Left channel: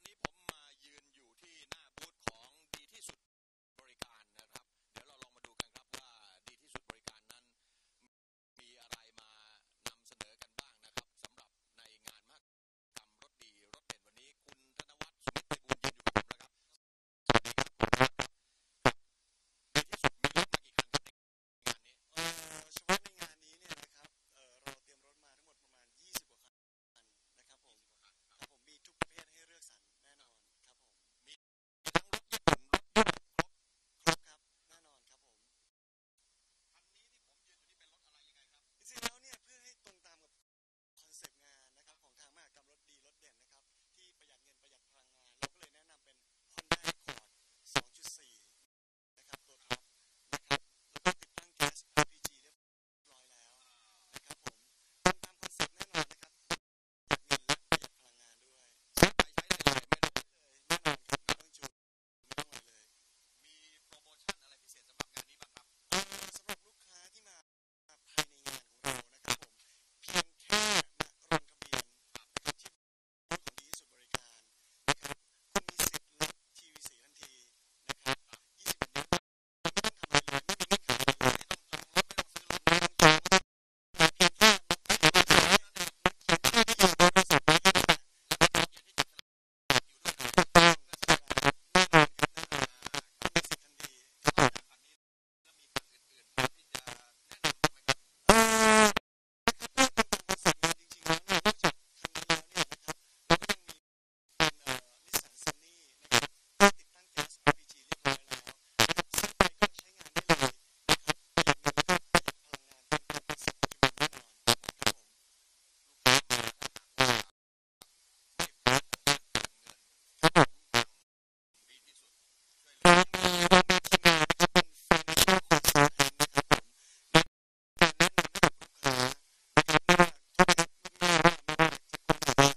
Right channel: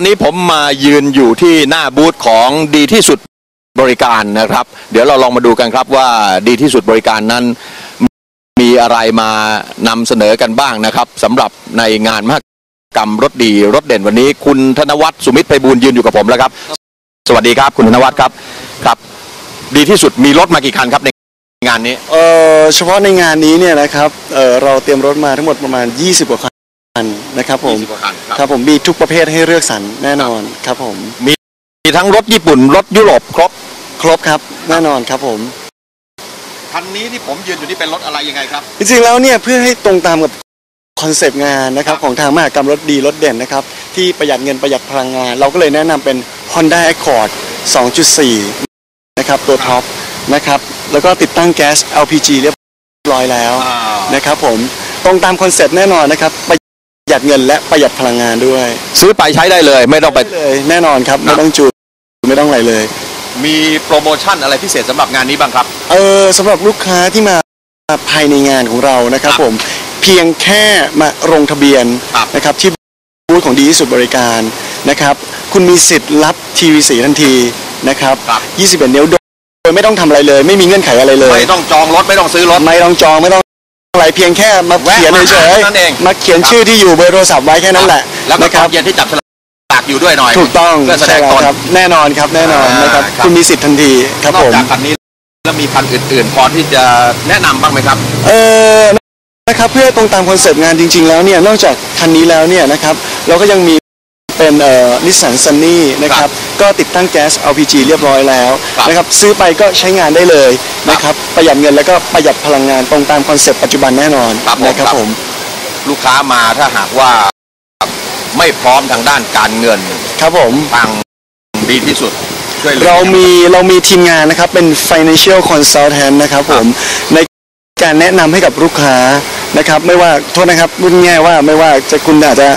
อนนี้ผมมายืนอยู่ที่หน้าบูธของดีที่สุดบริการนะครับ เดี๋ยวเราลองมาดูกันครับว่าดีที่สุดบริการนั้น มีอะไรมานำเสนอกันบ้างนะครับสำหรับในงานมหกรรมรถดีรถเด่นวันนี้ คุณธนวัฒน์สุมิตรไพบูลย์ยืนอยู่กับผมแล้วครับ สวัสดีครับคุณธนวัฒน์ครับครับ ดีที่สุดมีรถมากี่คันครับในงานนี้ เอ่อเฉพาะในงานนี้เนี่ยนะครับเอ่อเราเตรียมรถมาทั้งหมดประมาณ 20 กว่าคัน นะครับผม20กว่าคันครับ ครับผมมีทุกประเภทให้เลือกสรรแน่นอนครับผมมีทั้งรถญี่ปุ่น รถยุโรปครบ ครบครับแน่นอนครับผม คันนี้ที่ผมยืนอยู่นี่เป็นรถอะไรยังไงครับ จริงๆแล้วเนี่ยเพื่อให้ตรงตามกับคอนเซปต์งานนะครับครับของทางมหากรรมรถดีรถเด่นนะครับที่ประหยัดเงินประหยัดพลังงาน เราก็เลยแนะนำเป็น Honda Accord 2.4 นะครับตัวท็อปนะครับแล้วก็ติดตั้งแก๊ส LPG เรียบร้อยแล้วนะครับผมตรงตามคอนเซ็ปต์แน่นอนนะครับประ หยัดเงินและประหยัดพลังงานด้วยซื้อไปใช้ได้เลย ไม่ต้องไป เลยแน่นอนครับไม่ต้องจูนไม่ต้องอะไรเลย มีโปรโมชั่นอะไรพิเศษสำหรับงานนี้บ้างครับ เออสำหรับลูกค้าที่มาภายในงานของเรานะครับครับผมเพียงแค่มาลงทะเบียนครับ นะครับที่บูธของดีที่สุดบริการนะครับ คุณมีสิทธิ์รับทีวีสีทันทีนะครับครับ21นิ้วโดยไม่ต้องทำอะไรเลย ไม่มีเงื่อนไขอะไรเลย ไม่ต้องจองรถไม่ต้องซื้อรถ ไม่ต้องจองไม่ต้อง อะไรเพียงแค่มาแวะเขียนมาเฉยหานั่นเองๆมาเขียนชื่อที่อยู่เบอร์โทรศัพท์ไว้แค่นั้นแหละแล้วก็นะตคอรันเย็นที่จับฉลากอยู่ด้วยหน่อยถูกต้องเพื่อแสดงใช่ตนล้วครับแน่นอนครับแน่นอนอ่านนะครับครับคุณมีสิทธิ์ทันทีครับนอผกมจากคันนี้แล้วมีคันอื่นๆพอที่จะแนะนำบ้างไหมครับ เออนะครับเพื่อตรงตามคอนเซปต์งานจริง ๆ แล้วเนี่ยนอกจากคันนี้แล้วเนี่ยนะครับเราก็ยังมี เป็นเอ่อนิสสันซันนี่นะคครัรับบก็ติดตั้งแก๊ส LPG เรียบร้อยแล้วครับนะครับซื้อไปก็ใช้งานได้เลยนะครับประหยัดเงินแล้วก็ประหยัดพลังงานตรงตามคอนเซปต์ปัจจุบันแน่นอนครับผมนะครับครับ ผม ลูกค้ามาถ้าหากว่าไม่พร้อมทางด้านการเงินครับผม ทางดีที่สุด ช่วยหลือ เรามีเรามีทีมงานนะครับเป็น financial consultant นะครับผมในการแนะนำให้กับลูกค้านะครับ ไม่ว่าโทษนะครับรุ่นง่ายว่าไม่ว่าจะคุณอาจจะ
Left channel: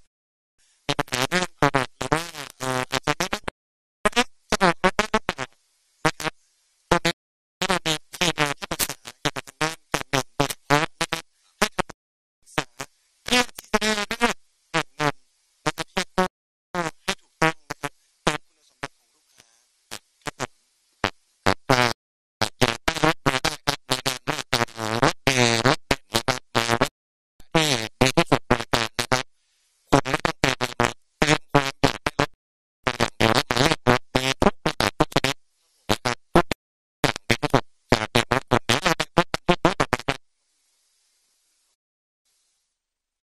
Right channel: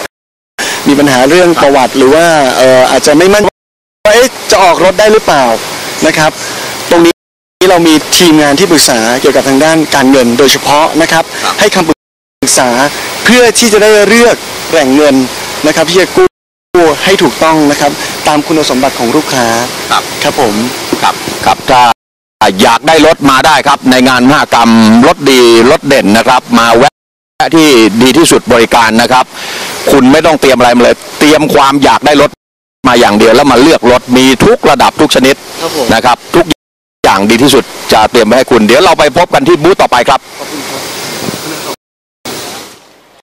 มีปัญหาเรื่องประวัติหรือว่าเอ่ออาจจะไม่มั่นว่าเอ๊ะจะออกรถได้หรือเปล่านะครับ ตรงนี้เรามีทีมงานที่ปรึกษาเกี่ยวกับทางด้านการเงินโดยเฉพาะนะครับครับ ให้คำปรึกษาเพื่อที่จะได้เลือกแหล่งเงินนะครับที่จะกู้ให้ถูกต้องนะครับ ตามคุณสมบัติของลูกค้าครับครับผมครับครับถ้าอยากได้รถมาได้ครับ ในงานมหกรรมรถดีรถเด่นนะครับ มาแวะที่ดีที่สุดบริการนะครับ คุณไม่ต้องเตรียมอะไรมาเลย เตรียมความอยากได้รถมาอย่างเดียวแล้วมาเลือกรถมีทุกระดับทุกชนิดครับผมนะครับ ทุกอย่างดีที่สุดจะเตรียมไว้ให้คุณ เดี๋ยวเราไปพบกันที่บูธต่อไปครับขอบคุณครับ